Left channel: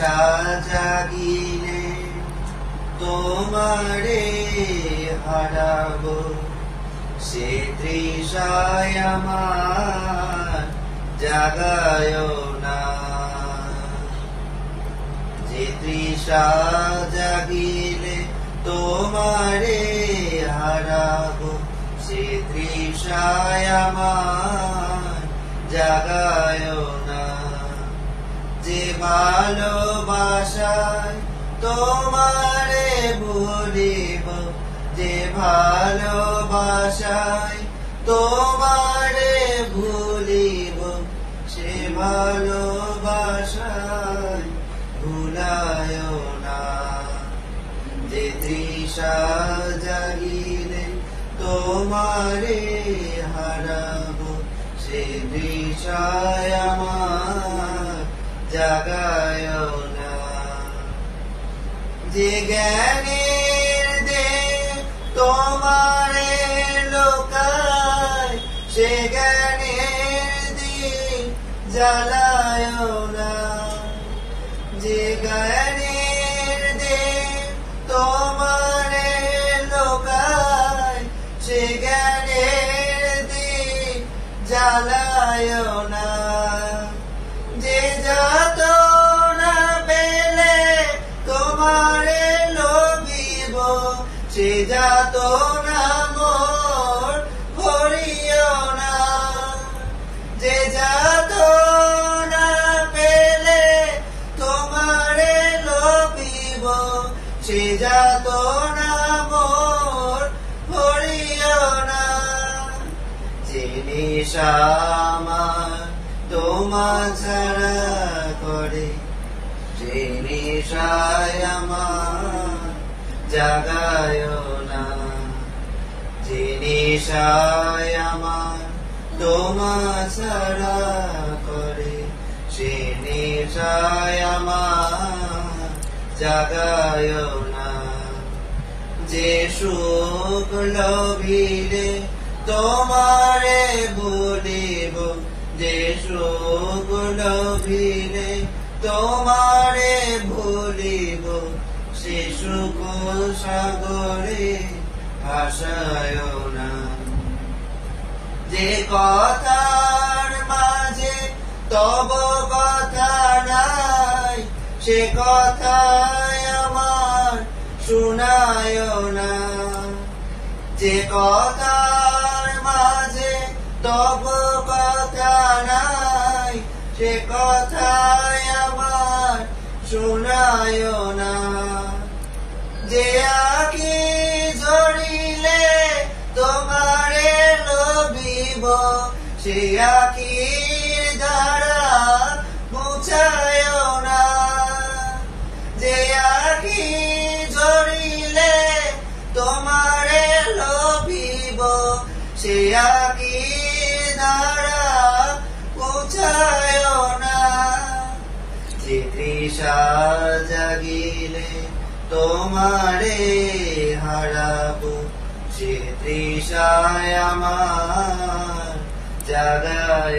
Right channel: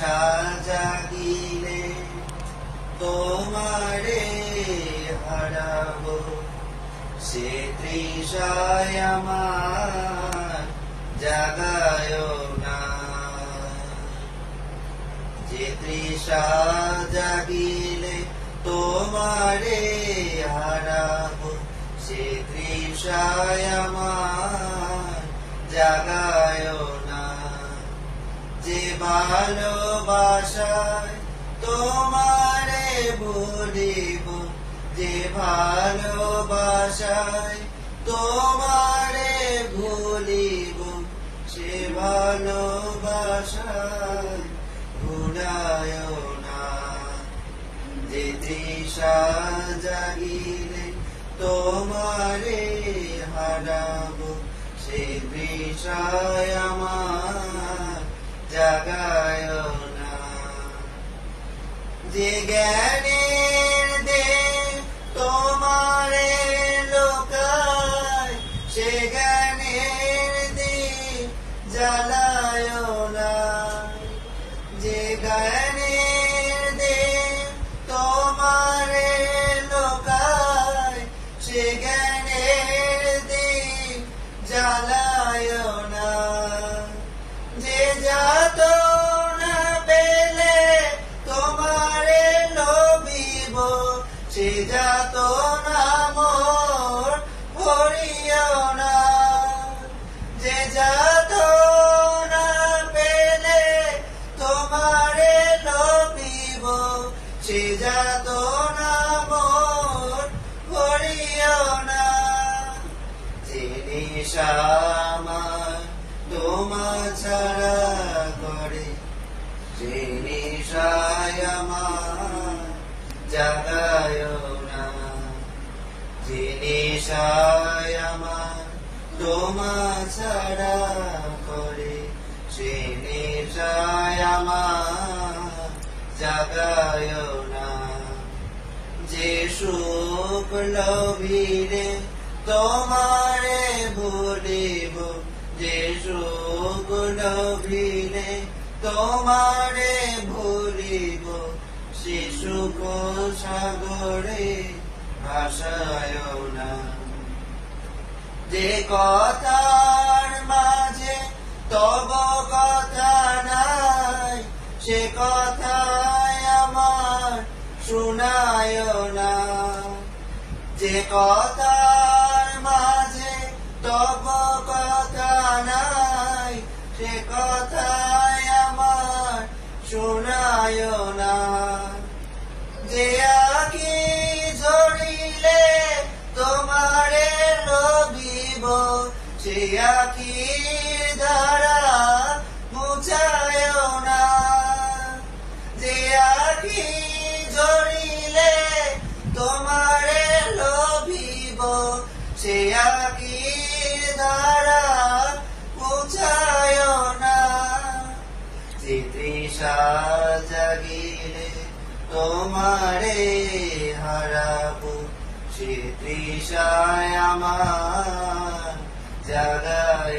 জাগিলে তোমারে হারাবো, সে তৃষায় আমার জাগায় না। যে তৃষা জাগিলে তোমারে হারাবো, সে তৃষায় আমার জাগায় না। যে ভালোবাসায় তোমারে ভুলিব, যে ভালোবাসায় তোমারে ভুলিব, সে ভালোবাসায় ভুলায় না। যে তৃষা জাগিলে তোমারে হারাবো, সে তৃষায় আমার জাগায় না। যে জ্ঞানের দেহ তোমারে লোকায়, সে জ্ঞানের দিন জ্বালায় না। যে জ্ঞানের দেহ তোমারে লোকায়, সে জ্ঞানের দিন জ্বালায় না। যে যাতনা পেলে তোমারে লোভিব, সে যাতনা মোর ভরিও না। যে যাতনা পেলে তোমারে লোভিব, সে যাতনা মোর ভরিও না। যে নেশা আমার তোমা ছাড়া করে, সে নেশায় আমার জাগায় না। যে নেশায় আমার তোমা ছাড়া করে, সে নেশায় আমার জাগায় না। যে সুখ লোভিলে তোমারে ভুলিব, যে সুখ লোভিলে তোমারে ভুলিব, সে সুখ সাগরে ভাসায় না। যে কথার মাঝে তব কথা নাই, সে কথায় আমার শুনায় না। যে কথার মাঝে তব কথা নাই, সে কথায় আমার শুনায় না। যে আখি ঝরিলে তোমারে লোভিব, সে আখি ধারা মুছায় না। যে আখি ঝরিলে তোমারে লোভিব, সে আখি ধারা মুছায় না। যে তৃষা জাগিলে তোমারে হারাবো, সে তৃষায় আমার জাগায়